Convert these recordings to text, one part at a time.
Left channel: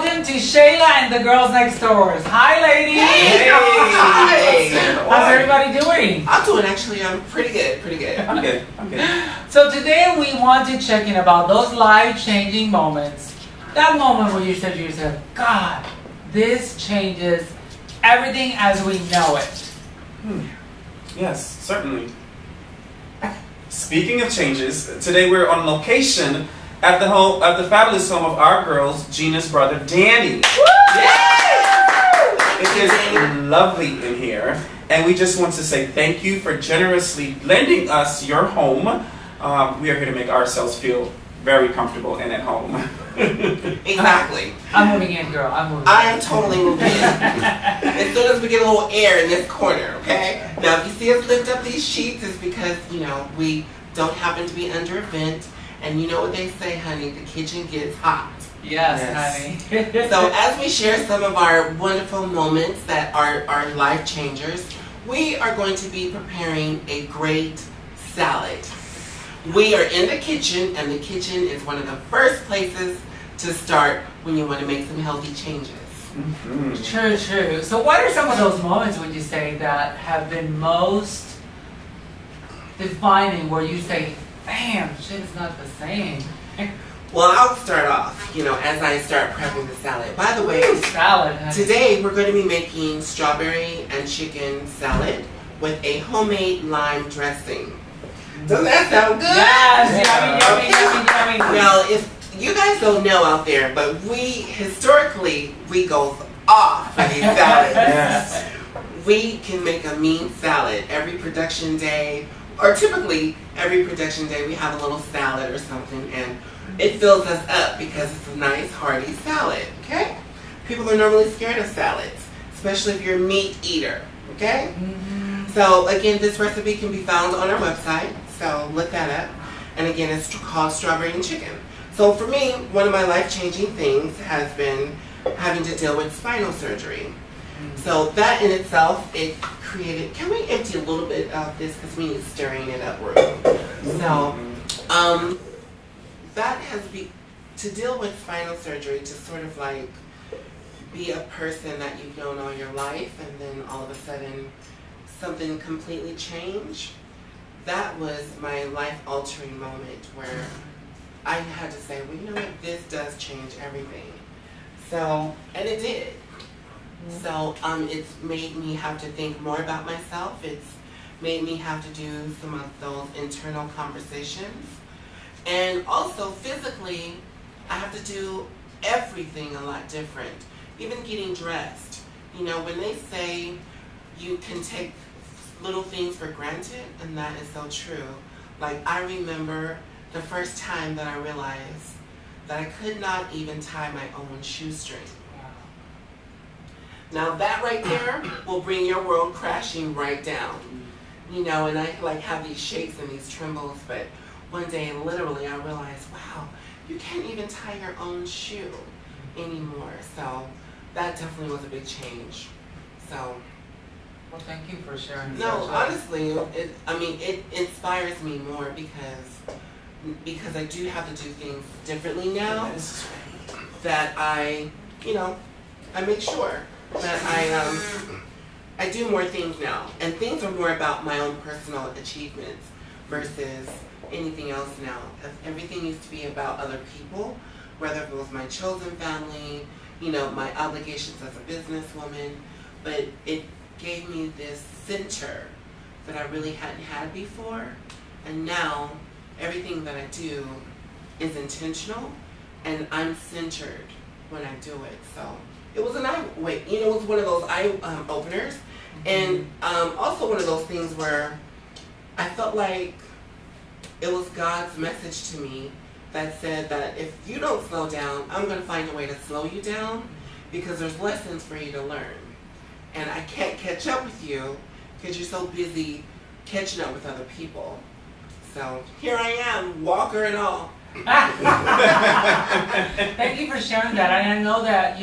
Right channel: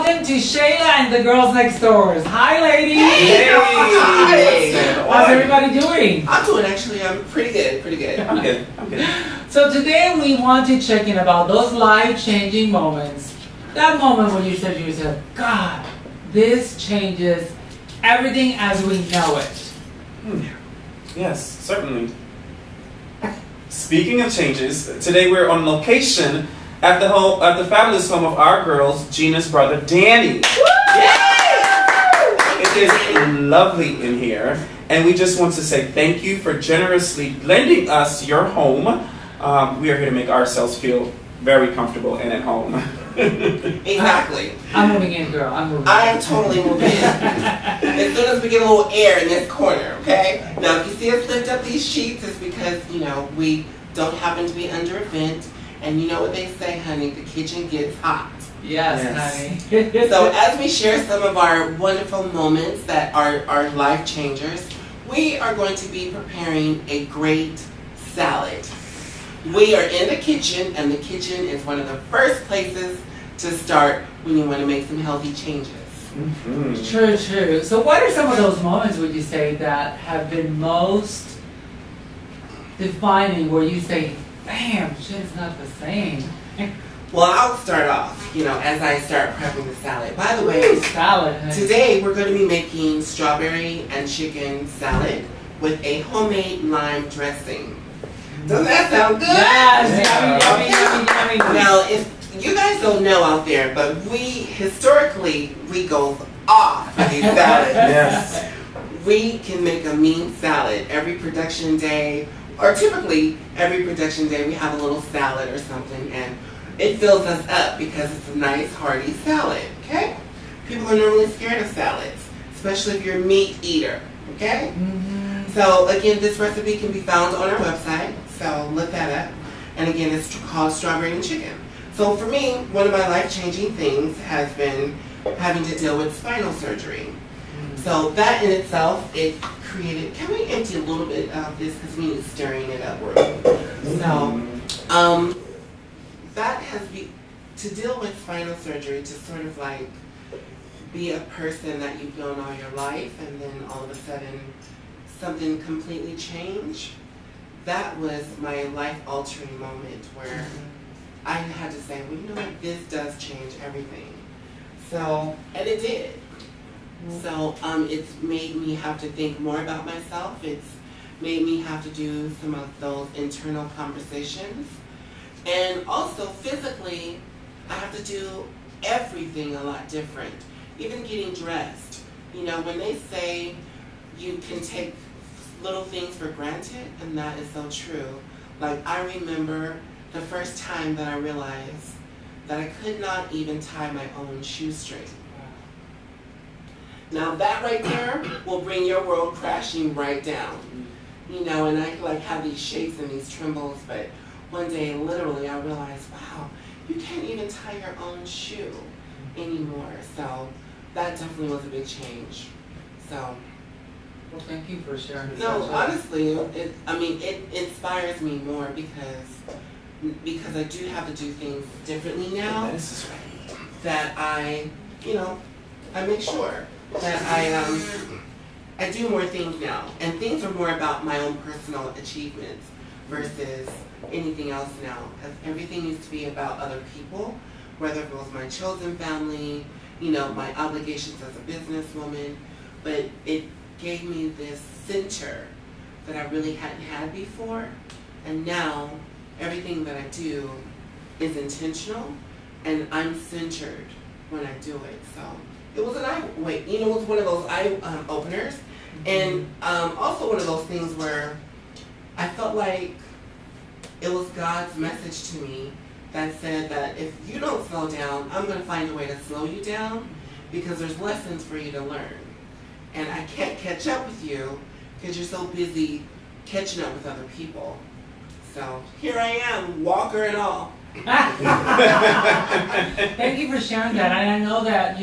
welcome to Shayla and the Girls Next Doors. Hi, ladies. Hey. Hi. How's everybody doing? I'm doing actually. I'm pretty good. I'm good. So today we want to check in about those life-changing moments. That moment when you said to yourself, God, this changes everything as we know it. Yes, certainly. Speaking of changes, today we're on location at the fabulous home of our girls, Gina's brother, Danny. It is lovely in here, and we just want to say thank you for generously lending us your home. We are here to make ourselves feel very comfortable and at home. Exactly. I'm moving in, girl. I'm totally moving in. As soon as we get a little air in this corner, okay? Now, if you see us lift up these sheets, it's because, we don't happen to be under a vent. And you know what they say, honey, the kitchen gets hot. Yes, honey. So as we share some of our wonderful moments that are life changers, we are going to be preparing a great salad. We are in the kitchen, and the kitchen is one of the first places to start when you want to make some healthy changes. Mm-hmm. True. So what are some of those moments, would you say, that have been most defining where you say, damn, shit is not the same? Well, I'll start off, as I start prepping the salad. By the way, salad, honey. Today we're going to be making strawberry and chicken salad with a homemade lime dressing. Doesn't that sound good? Yes, yummy. Well, if you guys don't know out there, but historically, we go off for these salads. Yes. We can make a mean salad every production day, or typically every production day we have a little salad or something, and it fills us up because it's a nice hearty salad, okay? People are normally scared of salads, especially if you're a meat eater, okay? Mm-hmm. So again, this recipe can be found on our website, so look that up. And again, it's called strawberry and chicken. So for me, one of my life-changing things has been having to deal with spinal surgery. Mm-hmm. So that in itself, it created, can we empty a little bit of this because me is stirring it up real quick. So, that has been, to deal with spinal surgery, to sort of like be a person that you've known all your life and then all of a sudden something completely changed, that was my life-altering moment where I had to say, well, you know what, this does change everything. So, and it did. So it's made me have to think more about myself. It's made me have to do some of those internal conversations. And also physically, I have to do everything a lot different. Even getting dressed. When they say you can take little things for granted, and that is so true. Like, I remember the first time that I realized that I could not even tie my own shoestring. Now that right there will bring your world crashing right down. And I have these shakes and these trembles, but one day literally I realized, wow, you can't even tie your own shoe anymore. So that definitely was a big change. So. Well, thank you for sharing. No, honestly, it inspires me more because I do have to do things differently now. That I make sure that I do more things now, and things are more about my own personal achievements versus anything else now. Everything used to be about other people, whether it was my chosen family, my obligations as a businesswoman, but it gave me this center that I really hadn't had before, and now everything that I do is intentional, and I'm centered when I do it. So it was it was one of those eye openers, and also one of those things where I felt like it was God's message to me that said that if you don't slow down, I'm going to find a way to slow you down because there's lessons for you to learn. And I can't catch up with you because you're so busy catching up with other people. So here I am, walker and all. Thank you for sharing that. And I know that,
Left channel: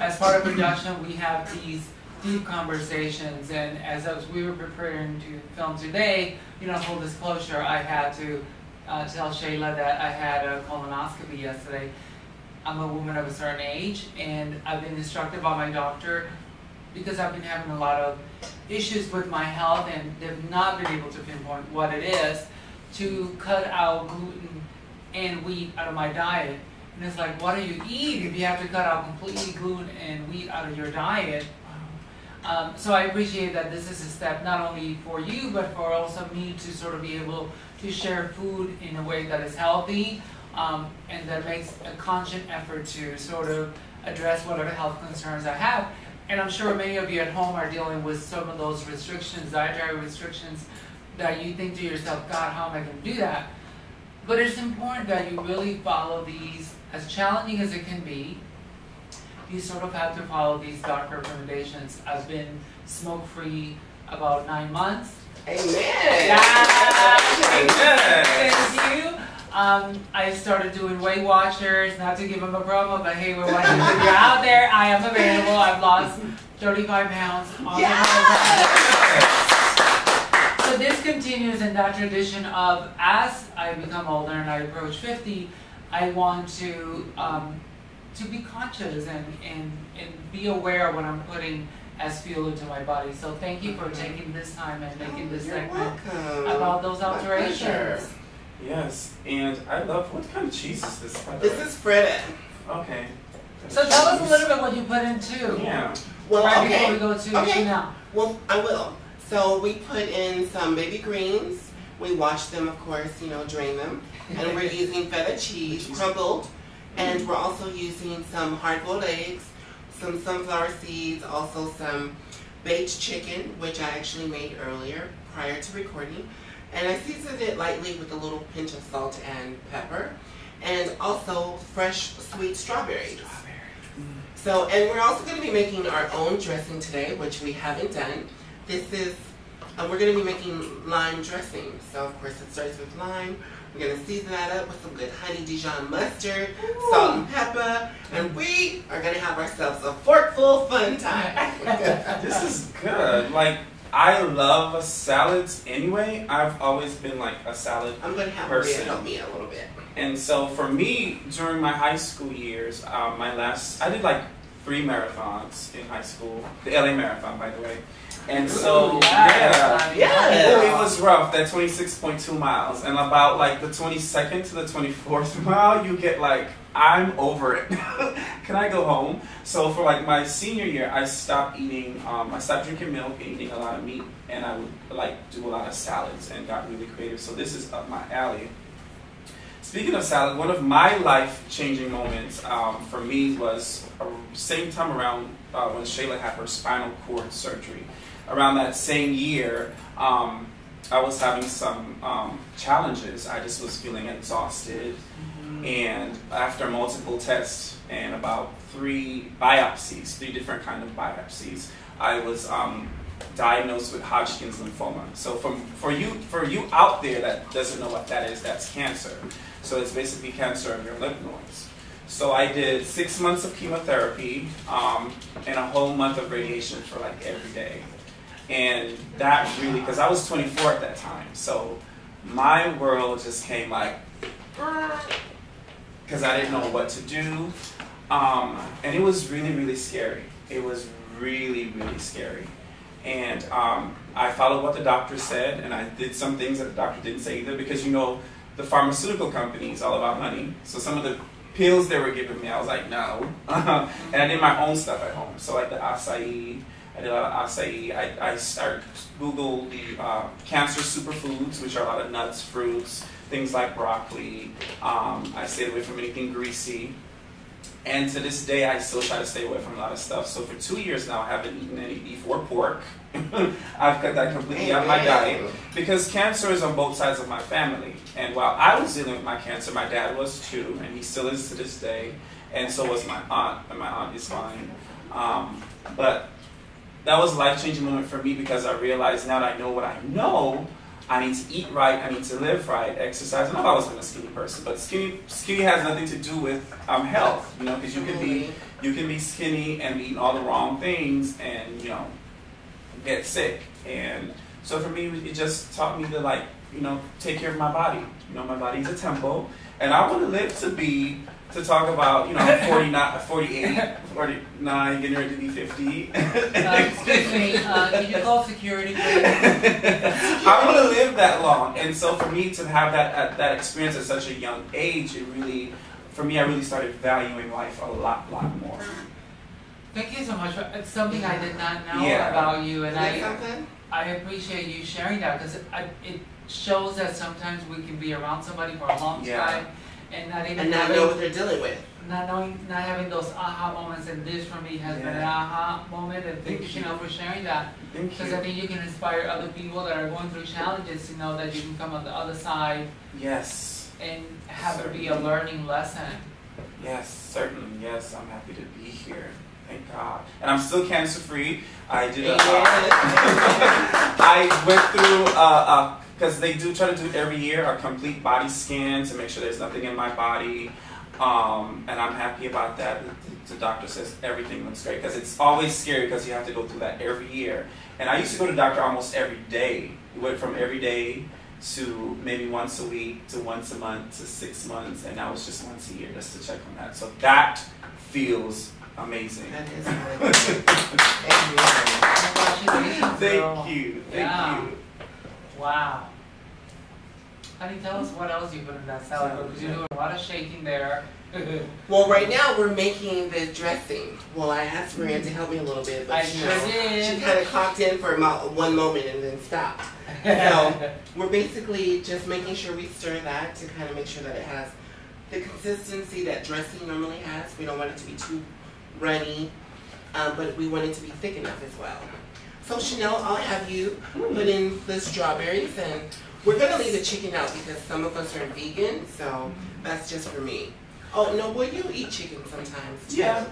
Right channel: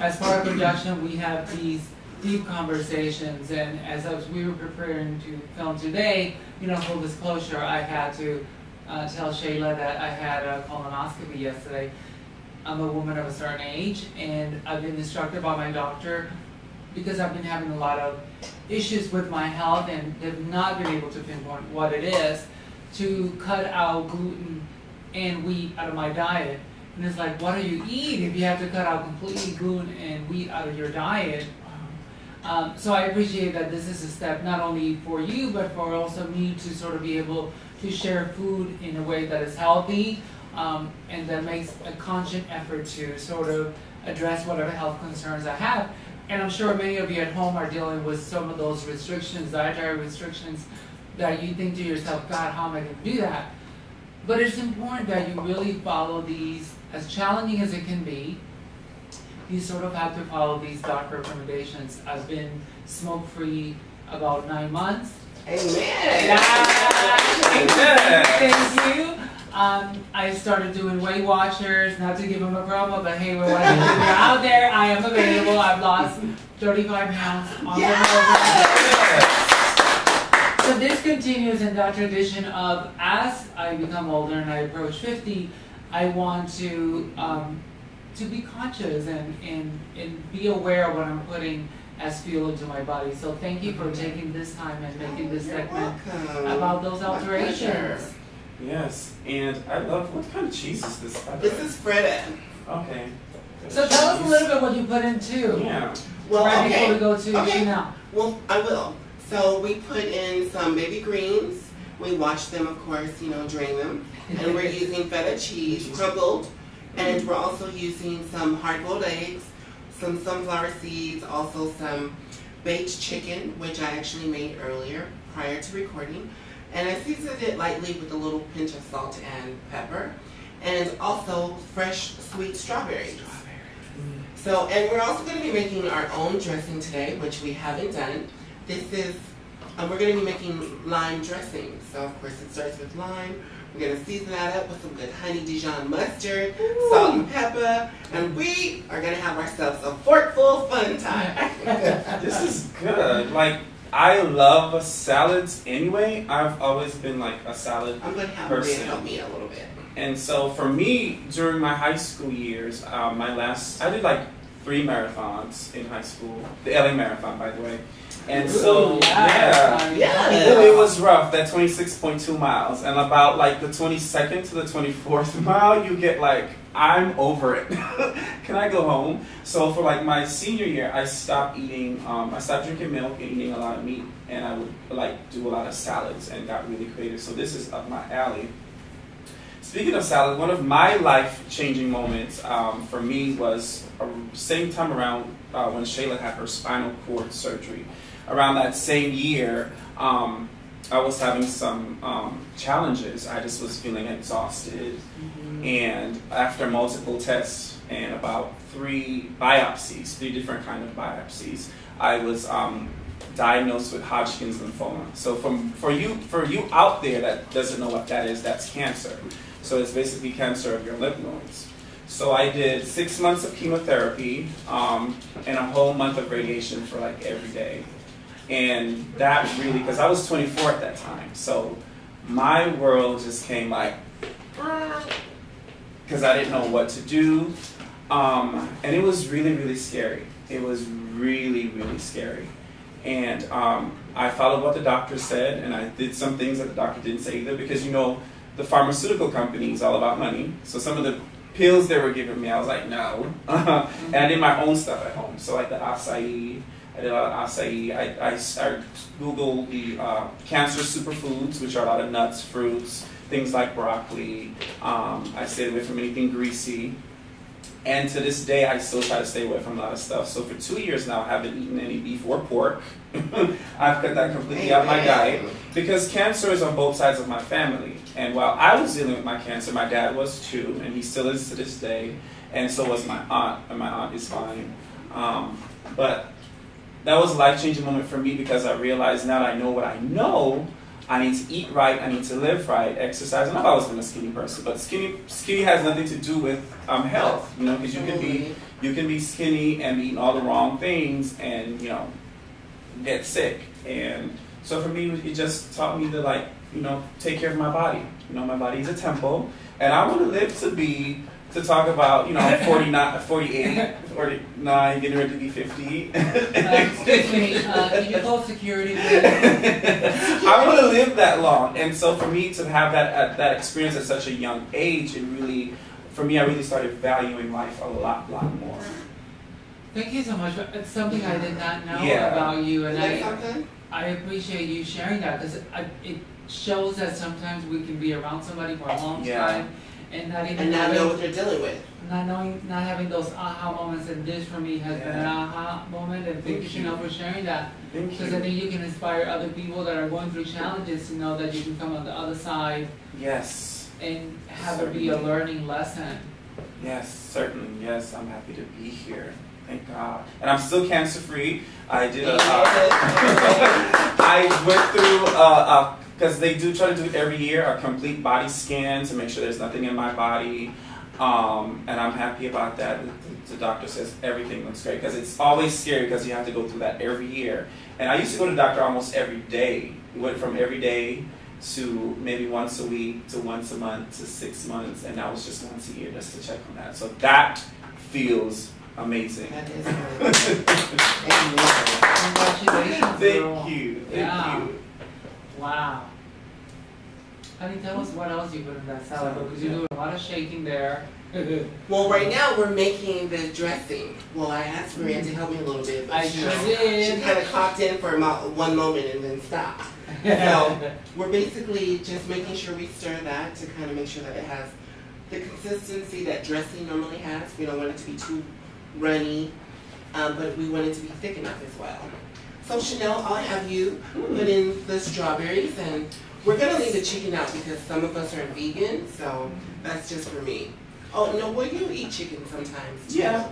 as part of production, we have these deep conversations. And as we were preparing to film today, full disclosure, I had to tell Shayla that I had a colonoscopy yesterday. I'm a woman of a certain age, and I've been instructed by my doctor, because I've been having a lot of issues with my health and they've not been able to pinpoint what it is, to cut out gluten and wheat out of my diet. And it's like, what do you eat if you have to cut out completely gluten and wheat out of your diet? So I appreciate that this is a step not only for you, but for also me to sort of be able to share food in a way that is healthy, and that makes a conscious effort to sort of address whatever health concerns I have. And I'm sure many of you at home are dealing with some of those restrictions, dietary restrictions, that you think to yourself, God, how am I going to do that? But it's important that you really follow these, as challenging as it can be, you sort of have to follow these doctor recommendations. I've been smoke-free about 9 months. Amen. Yeah. Thank you. I started doing Weight Watchers, not to give them a promo, but hey, we're watching. If you're out there, I am available. I've lost 35 pounds on the program. So this continues in that tradition of, as I become older and I approach 50, I want to be conscious and be aware of what I'm putting as fuel into my body. So thank you for taking this time and making this segment about those alterations. Yes, and I love, what kind of cheese is this? This is Feta. Okay. So tell us a little bit what you put in too. Yeah. Well, right okay. before we go to Chanel. Well, I will. So we put in some baby greens. We wash them, of course, drain them. And we're using feta cheese, crumbled. And we're also using some hard-boiled eggs, some sunflower seeds, also some baked chicken, which I actually made earlier, prior to recording. And I seasoned it lightly with a little pinch of salt and pepper. And also fresh sweet strawberries. So, and we're also going to be making our own dressing today, which we haven't done. This is, we're going to be making lime dressing. So, of course, it starts with lime. We're going to season that up with some good honey Dijon mustard, salt and pepper, and we are going to have ourselves a forkful fun time. This is good. Like, I love salads anyway. I've always been like a salad I'm going to have person. Ben help me a little bit. And so for me, during my high school years, I did like 3 marathons in high school. The LA Marathon, by the way. And so, it was rough, that 26.2 miles. And about like the 22nd to the 24th mile, you get like, I'm over it. Can I go home? So for like my senior year, I stopped eating, I stopped drinking milk and eating a lot of meat. And I would like do a lot of salads and got really creative. So this is up my alley. Speaking of salad, one of my life-changing moments for me was same time around when Shayla had her spinal cord surgery. Around that same year, I was having some challenges. I just was feeling exhausted. And after multiple tests and about 3 biopsies, 3 different kind of biopsies, I was diagnosed with Hodgkin's lymphoma. So for you out there that doesn't know what that is, that's cancer. So it's basically cancer of your lymph nodes. So I did 6 months of chemotherapy and a whole month of radiation for like every day. And that really, because I was 24 at that time, so my world just came like, because I didn't know what to do. And it was really, really scary. It was really, really scary. And I followed what the doctor said, and I did some things that the doctor didn't say either, because the pharmaceutical company is all about money. So some of the pills they were giving me, I was like, no. And I did my own stuff at home. So like the acai, I did a lot of acai. I started Googled the cancer superfoods, which are a lot of nuts, fruits, things like broccoli. I stayed away from anything greasy. And to this day, I still try to stay away from a lot of stuff. So for 2 years now, I haven't eaten any beef or pork. I've cut that completely out of my diet because cancer is on both sides of my family. And while I was dealing with my cancer, my dad was too, and he still is to this day. And so was my aunt, and my aunt is fine. But that was a life-changing moment for me because I realized now that I know what I know, I need to eat right, I need to live right, exercise. And I've always been a skinny person, but skinny has nothing to do with health, because you can be skinny and be eating all the wrong things and get sick. And so for me, it just taught me to take care of my body. My body is a temple, and I want to live to be to talk about, you know, I'm 49, 48, 49, getting ready to be 50. Excuse me, can you call security, please? I want to live that long, and so for me to have that experience at such a young age, it really, for me, I really started valuing life a lot more. Thank you so much. It's something I did not know Yeah. about you, and something? I appreciate you sharing that because it shows that sometimes we can be around somebody for a long time and not even not know what they're dealing with. Not having those aha moments, and this for me has been an aha moment. And thank you, Chanel, for sharing that. Because I think you can inspire other people that are going through challenges to know that you can come on the other side. Yes. And have it be a learning lesson. Yes, certainly. Yes, I'm happy to be here. Thank God. And I'm still cancer free. I did I went through because they do try to do every year a complete body scan to make sure there's nothing in my body. And I'm happy about that. The doctor says everything looks great because it's always scary because you have to go through that every year. And I used to go to the doctor almost every day. We went from every day to maybe once a week to once a month to 6 months, and now it's just once a year just to check on that. So that feels amazing. That is really Congratulations, girl. Thank you. Thank you. Wow. Honey, tell us what else you put in that salad because you're doing a lot of shaking there. Well, right now we're making the dressing. Well, I asked Maria to help me a little bit, but she kind of popped in for about one moment and then stopped. So we're basically just making sure we stir that to kind of make sure that it has the consistency that dressing normally has. We don't want it to be too runny, but we want it to be thick enough as well. So Chanel, I'll have you put in the strawberries, and we're gonna leave the chicken out because some of us are vegan, so that's just for me. Oh no, well you eat chicken sometimes too. Yeah.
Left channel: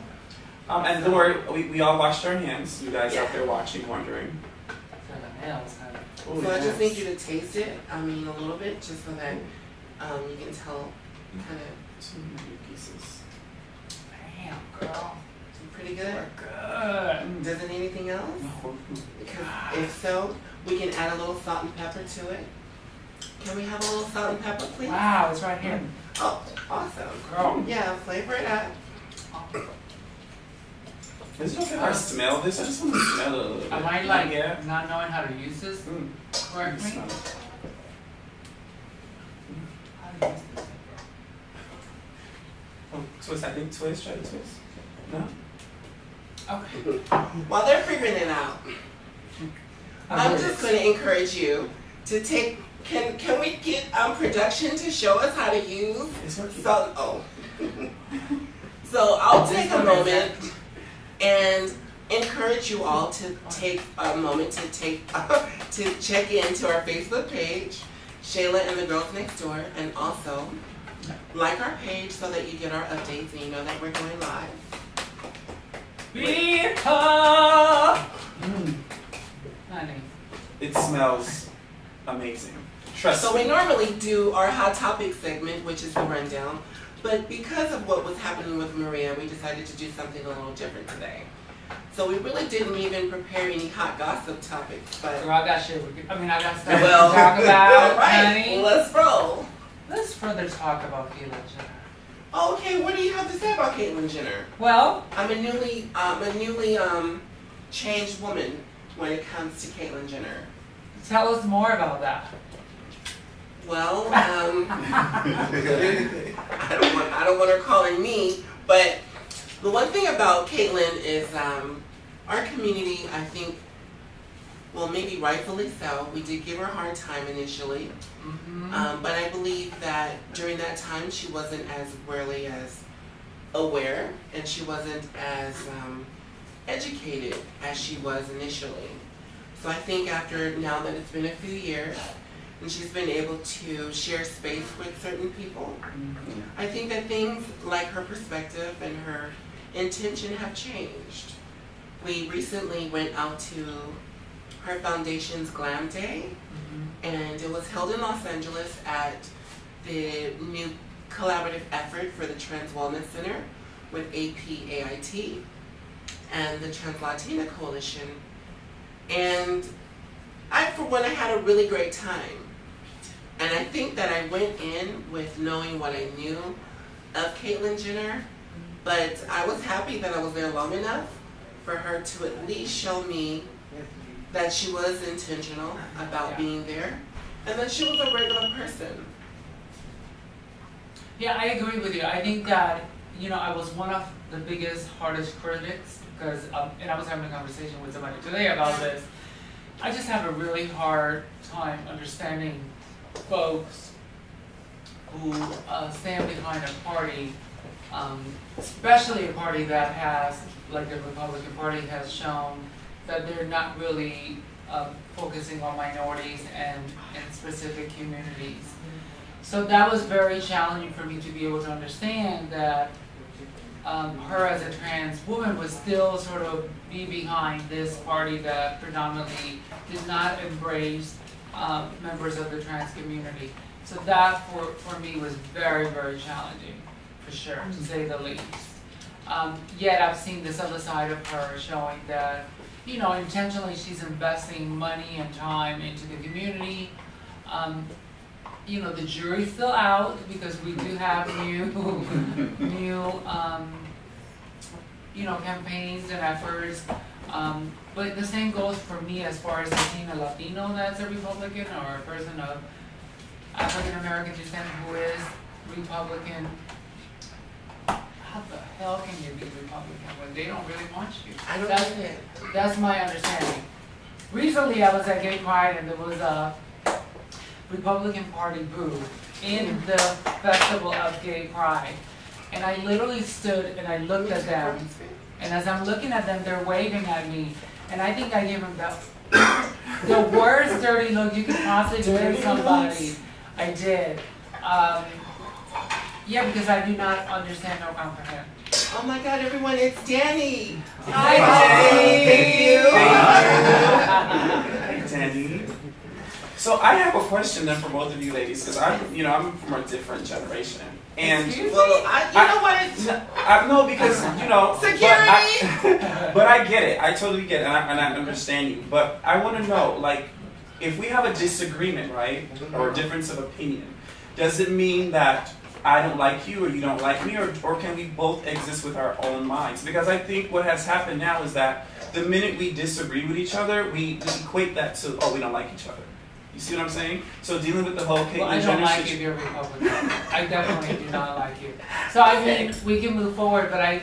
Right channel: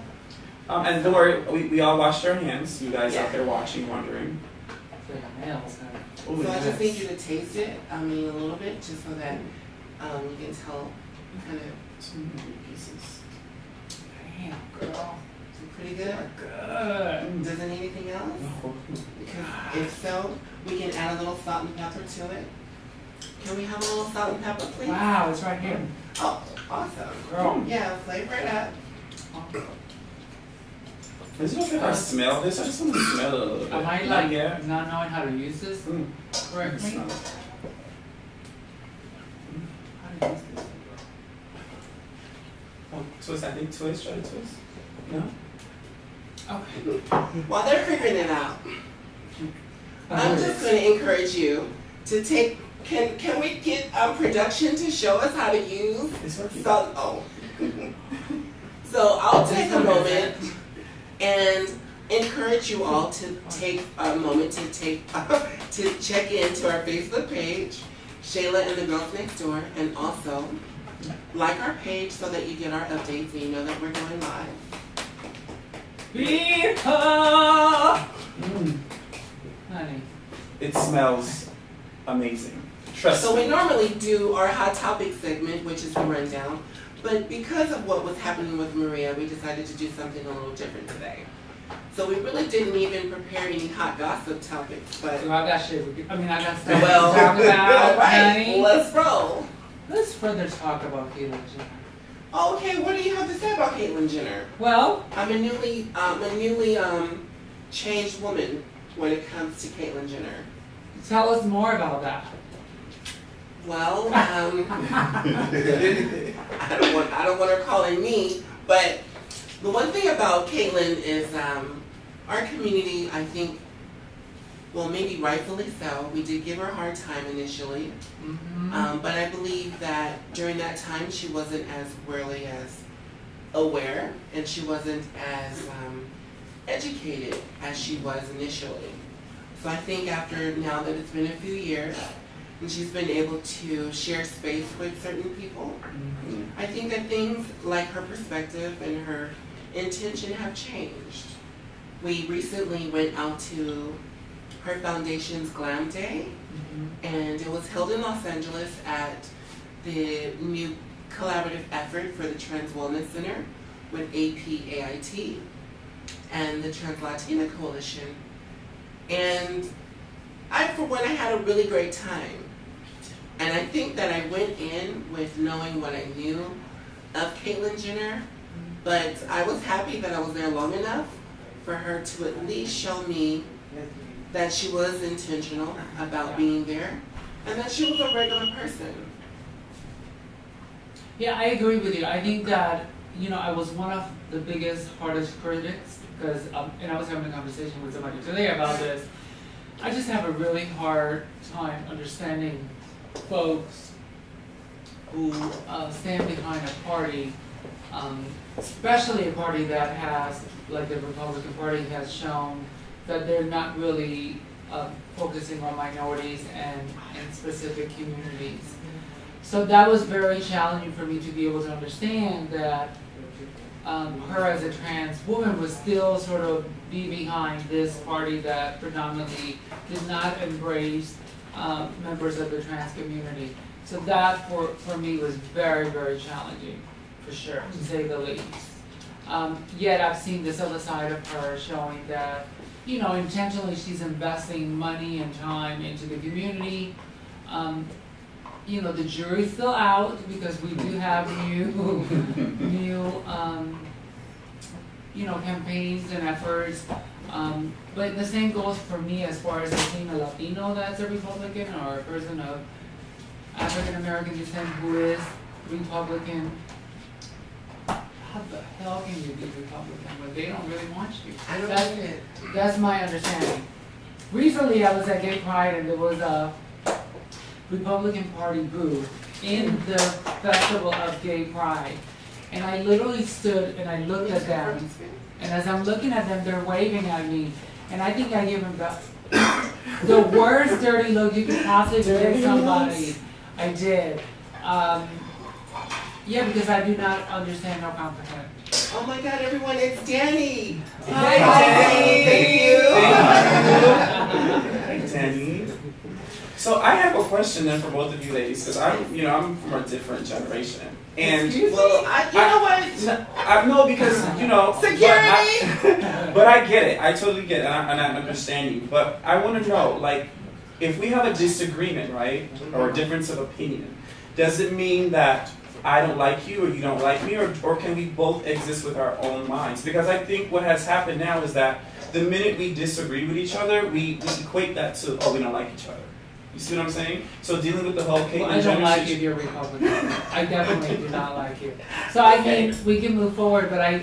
And don't worry, we all washed our hands. You guys out there watching, wondering. So I just need you to taste it. I mean a little bit, just so that you can tell kind of 2 pieces. Damn, girl. Pretty good? Good. Does it need anything else? No. Because if so, we can add a little salt and pepper to it. Can we have a little salt and pepper, please? Wow, it's right here. Oh, awesome. Girl. Yeah, flavor it up. Is it okay if I smell this? I just want to smell it a little bit. I might like not knowing how to use this correctly. Smell it. How to use this? Oh, twist. I think twist. Try to twist. No? Okay. While they're figuring it out, I'm just going to encourage you to take. Can we get production to show us how to use salt? Oh. So I'll take a moment and encourage you all to take a moment to check into our Facebook page, Shayla and the Girls Next Door, and also like our page so that you get our updates and you know that we're going live. Honey. It smells amazing. Trust So me. we normally do our hot topic segment, which is the rundown, but because of what was happening with Maria, we decided to do something a little different today. So we really didn't even prepare any hot gossip topics, but Girl, I got shit. I got stuff to well, talk about, all right, honey. let's roll. Let's further talk about Caitlyn Jenner. Oh, okay, what do you have to say about Caitlyn Jenner? Well, I'm a newly changed woman when it comes to Caitlyn Jenner. tell us more about that. Well, I don't want her calling me, but the one thing about Caitlyn is our community, I think, well, maybe rightfully so, we did give her a hard time initially, but I believe that during that time she wasn't as really as aware, and she wasn't as educated as she was initially. So I think after, now that it's been a few years, and she's been able to share space with certain people, I think that things like her perspective and her intention have changed. We recently went out to her foundation's Glam Day, and it was held in Los Angeles at the new collaborative effort for the Trans Wellness Center with APAIT and the Trans Latina Coalition. And for one, I had a really great time. And I think that I went in with knowing what I knew, of Caitlyn Jenner, but I was happy that I was there long enough for her to at least show me that she was intentional about being there and that she was a regular person. Yeah, I agree with you. I think that, I was one of the biggest, hardest critics because, and I was having a conversation with somebody today about this. I just have a really hard time understanding folks who stand behind a party, especially a party that has, like the Republican Party has shown, that they're not really focusing on minorities and in specific communities. So that was very challenging for me to be able to understand that her as a trans woman would still sort of be behind this party that predominantly did not embrace members of the trans community. So that for me was very, very challenging, for sure, to say the least. Yet I've seen this other side of her showing that, intentionally she's investing money and time into the community. The jury's still out because we do have new campaigns and efforts. But the same goes for me as far as seeing a Latino that's a Republican or a person of African American descent who is Republican. How the hell can you be Republican when they don't really want you? I don't get it. That's my understanding. Recently I was at Gay Pride and there was a Republican Party booth in the Festival of Gay Pride. And I literally stood and I looked at them. And as I'm looking at them, they're waving at me. And I think I gave them the worst dirty look you could possibly give somebody. I did. Yeah, because I do not understand or comprehend. Oh my God, everyone, it's Danny. Hi, Danny. Thank you. Danny. So I have a question then for both of you ladies, because I'm from a different generation. And well, you know what? No, because security. But I get it. I totally get it, and I understand you. But I want to know, like, if we have a disagreement, right, or a difference of opinion, does it mean that I don't like you or you don't like me, or can we both exist with our own minds? Because I think what has happened now is that the minute we disagree with each other, we equate that to, we don't like each other. You see what I'm saying? So dealing with the whole Caitlyn I don't like you if you're Republican. I definitely do not like you. So I mean, we can move forward, but I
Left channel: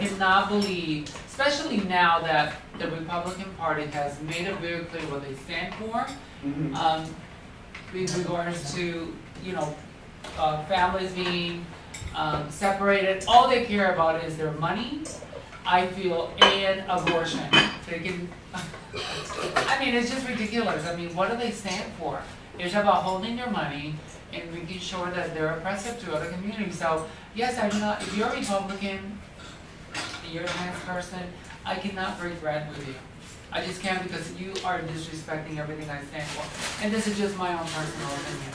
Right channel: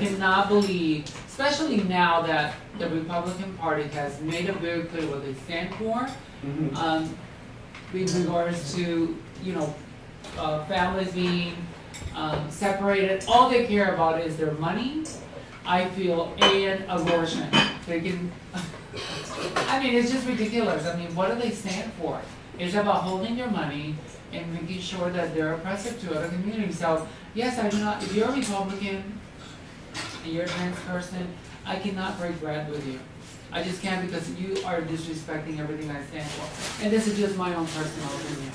cannot believe, especially now that the Republican Party has made it very clear what they stand for, with regards to, families being separated. All they care about is their money, I feel, and abortion. They can. I mean, it's just ridiculous. I mean, what do they stand for? It's about holding their money and making sure that they're oppressive to other communities. So, yes, I do not. If you're a Republican and you're a trans person, I cannot break bread with you. I just can't, because you are disrespecting everything I stand for. And this is just my own personal opinion.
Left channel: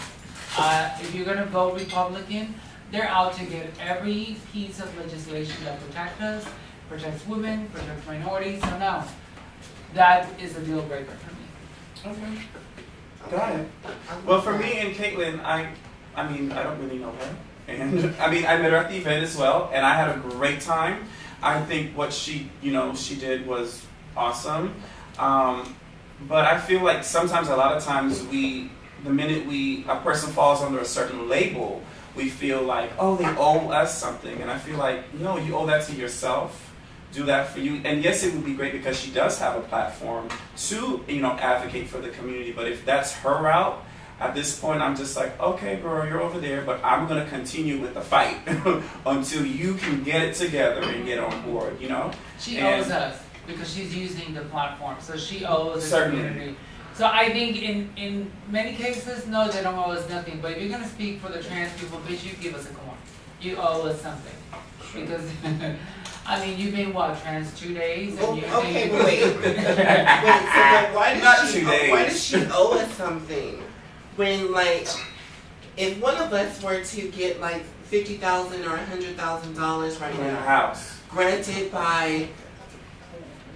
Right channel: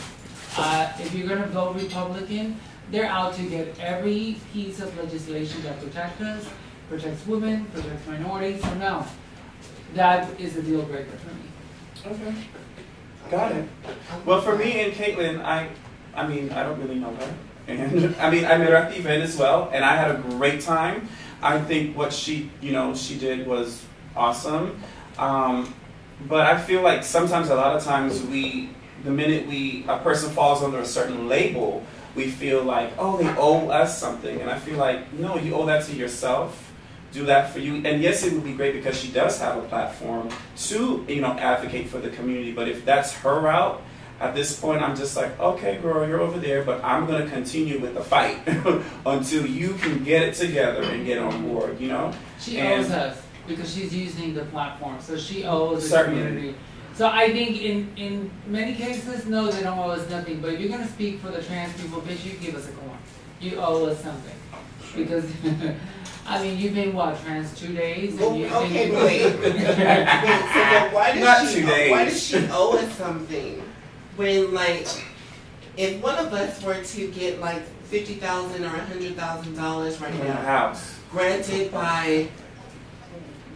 If you're going to vote Republican, they're out to get every piece of legislation that protects us, protects women, protects minorities. So no, that is a deal breaker for me. Okay, got it. Well, for me and Caitlyn, I mean, I don't really know her, and I mean, I met her at the event as well, and I had a great time. I think what she did was awesome, but I feel like sometimes, a lot of times, the minute a person falls under a certain label, we feel like, oh, they owe us something, and I feel like, no, you owe that to yourself. Do that for you. And yes, it would be great because she does have a platform to, advocate for the community. But if that's her route, at this point, I'm just like, okay, girl, you're over there, but I'm going to continue with the fight until you can get it together and get on board, She owes us because she's using the platform. So she owes the certainly. Community. So I think in many cases, no, they don't owe us nothing. But if you're going to speak for the trans people, bitch, you give us a coin. You owe us something. Because, I mean, you've been, trans 2 days? And wait. So why does she owe us something? When, if one of us were to get, $50,000 or $100,000 right now, house, granted by,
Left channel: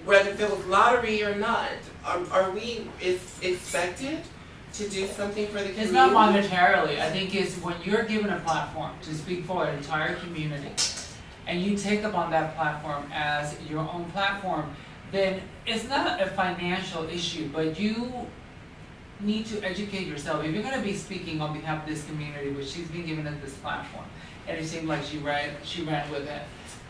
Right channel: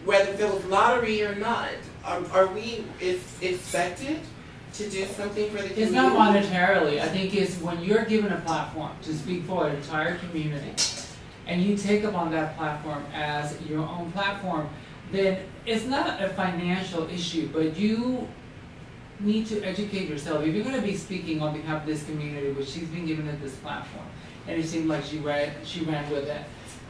whether if it was lottery or not, are we expected to do something for the community. It's not monetarily. I think it's when you're given a platform to speak for an entire community, and you take up on that platform as your own platform, then it's not a financial issue, but you need to educate yourself. If you're going to be speaking on behalf of this community, which she's been given at this platform, and it seemed like she ran with it,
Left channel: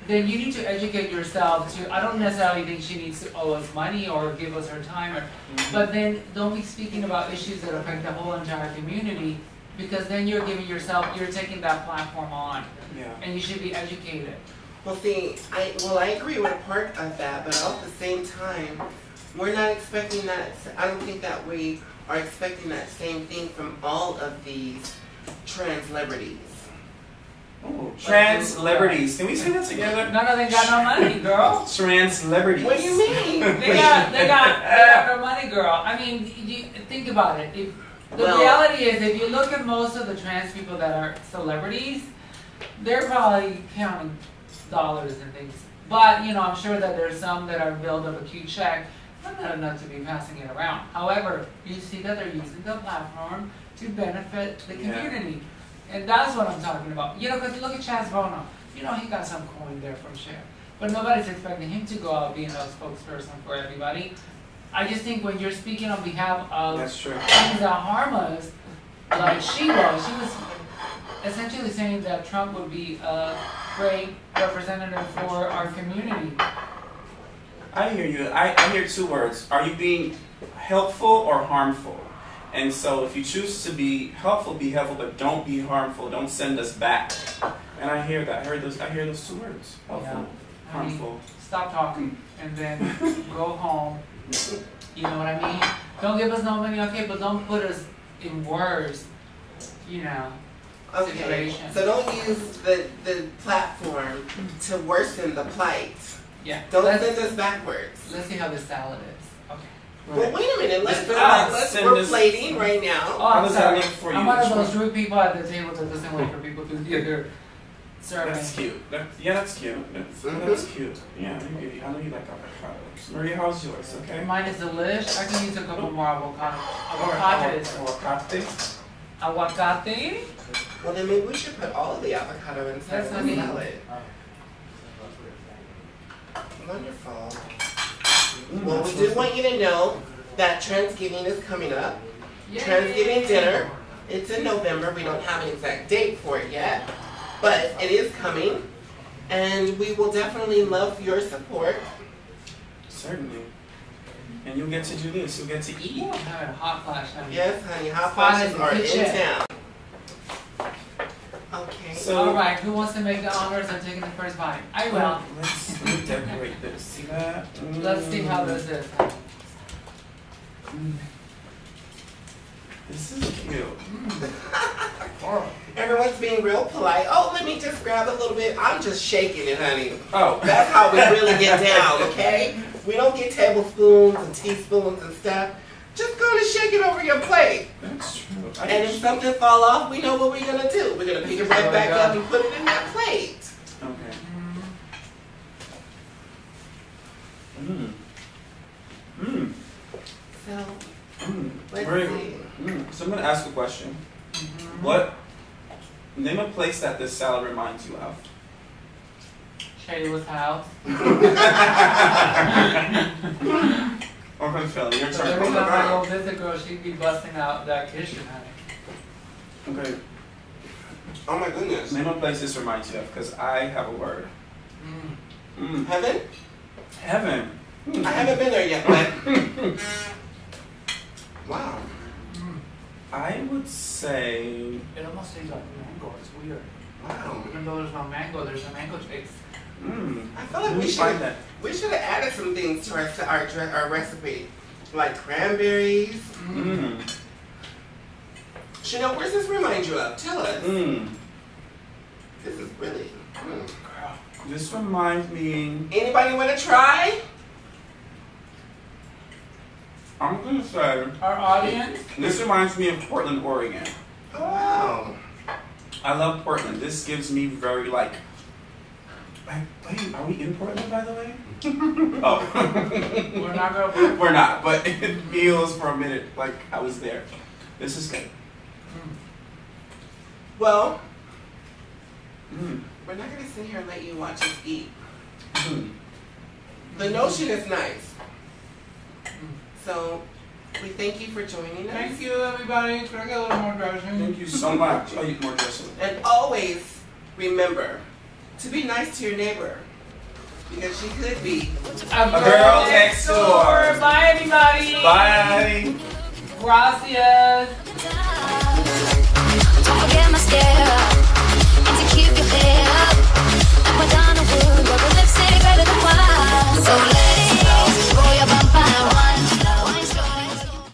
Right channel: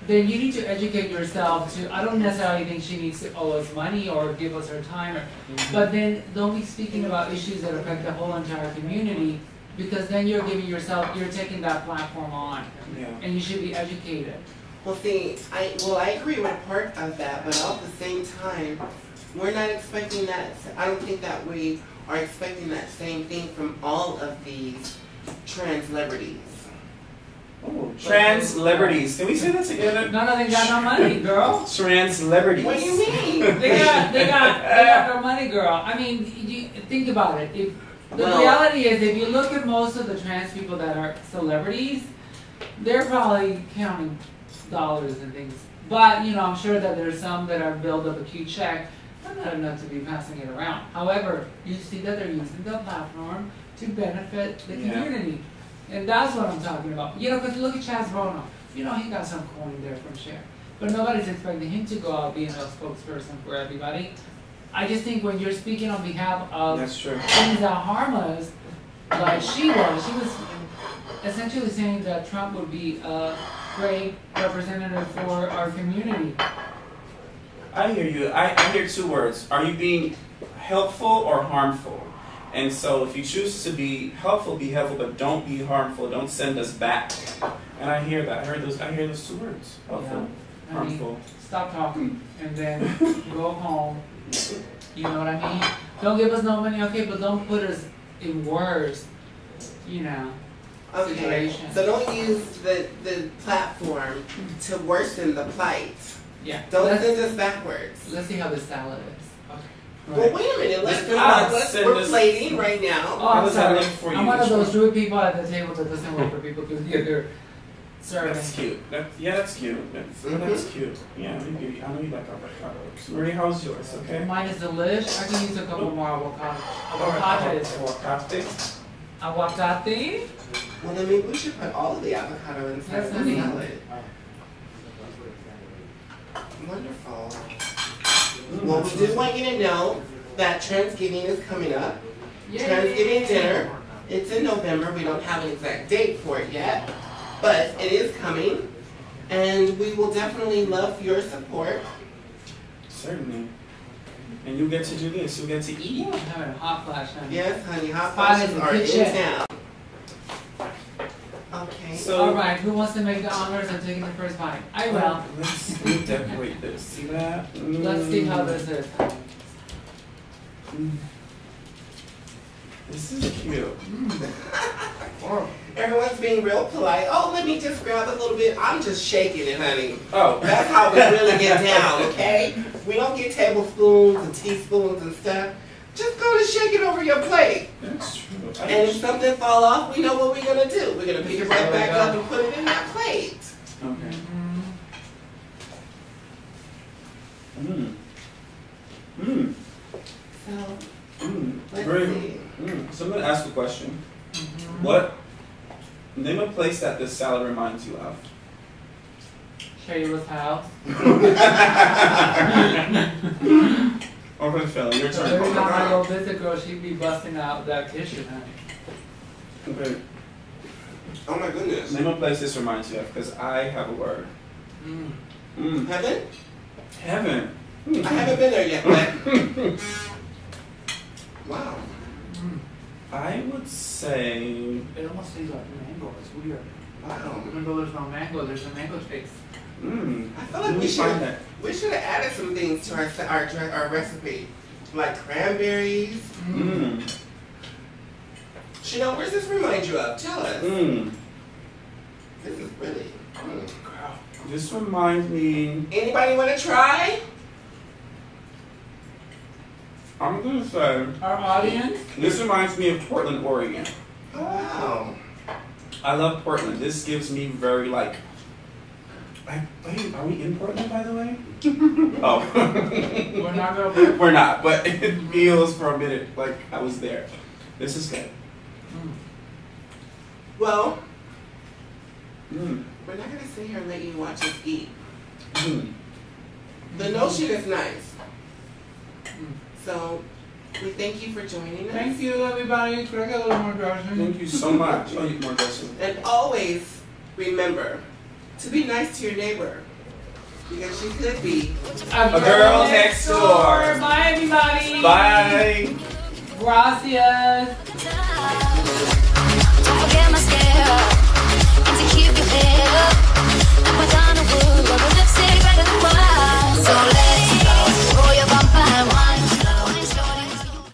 then you need to educate yourself to, I don't necessarily think she needs to owe us money or give us her time, but then don't be speaking about issues that affect the whole entire community, because then you're giving yourself, you're taking that platform on, and you should be educated. Well, see, I agree with part of that, but at the same time, we're not expecting that. I don't think that we are expecting that same thing from all of these trans celebrities. Oh, trans celebrities. Can we say that together? None of them got no money, girl. Trans celebrities. What do you mean? they got no money, girl. I mean, you think about it. The reality is, if you look at most of the trans people that are celebrities, they're probably counting dollars and things. But, you know, I'm sure that there's some that are build up a cute check, but not enough to be passing it around. However, you see that they're using the platform to benefit the community. And that's what I'm talking about. You know, because look at Chaz Bono. You know, he got some coin there for sure. But nobody's expecting him to go out being a spokesperson for everybody. I just think when you're speaking on behalf of things that harm us, like she was essentially saying that Trump would be a great representative for our community. I hear you. I hear two words. Are you being helpful or harmful? And so if you choose to be helpful, but don't be harmful. Don't send us back. And I hear that. I hear those two words. Helpful, harmful. Stop talking and then go home. You know what I mean? Don't give us no money, okay, but don't put us in worse, you know, situation. So don't use the platform to worsen the plight. Yeah. Don't send us backwards. Let's see how this salad is. Okay. Well, wait a minute. We're plating right now. Oh, I'm sorry. I'm one of those rude people at the table that doesn't wait for people to get their serving. That's cute. That's cute. That's cute. Yeah, I know you like avocados. Maria, how's yours? Okay. Mine is delish. I can use a couple more avocados. Aguacate. Well, then maybe we should put all of the avocado inside of the salad. Wonderful. Well, we did want you to know that Transgiving is coming up. Yay. Transgiving dinner. It's in November. We don't have an exact date for it yet, but it is coming, and we will definitely love your support. Certainly. And you get to do this. You get to eat. I'm having a hot flash. Yes, honey. Hot flashes are in town. Okay. So, all right. Who wants to make the honors of taking the first bite? I will. Let's decorate this. See that? Let's see how this is. This is cute. Everyone's being real polite. Oh, let me just grab a little bit. I'm just shaking it, honey. Oh. That's how we really get down, okay? We don't get tablespoons and teaspoons and stuff. Just go to shake it over your plate. That's true. And if something fall off, we know what we're going to do. We're going to pick it right back up and put it in that plate. Okay. Let's see. So I'm going to ask a question. What? Name a place that this salad reminds you of. Shayla's house. Open Philly, your turn. Every time I go visit girl, she'd be busting out that kitchen, honey. Okay. Oh my goodness. Name a place this reminds you of, because I have a word. Heaven? Heaven. I haven't been there yet, but... Wow. I would say... It almost tastes like mango. It's weird. Wow. Even though there's no mango, there's a mango taste. I feel like we should have added some things to our recipe, like cranberries. Chanel, where does this remind you of? Tell us. This is really. This reminds me. Anybody want to try? I'm gonna say. Our audience. This reminds me of Portland, Oregon. Oh, wow. I love Portland. This gives me very like. Wait, are we in Portland, by the way? Oh. We're not going to. We're not, but it feels for a minute like I was there. This is good. Well, we're not gonna sit here and let you watch us eat. The notion is nice. So we thank you for joining us. Thank you, everybody. Could I get a little more dressing? Thank you so much. Oh, you more dressing. And always remember to be nice to your neighbor, because she could be a girl next door. Bye, everybody. Bye. Gracias. Don't forget mascara.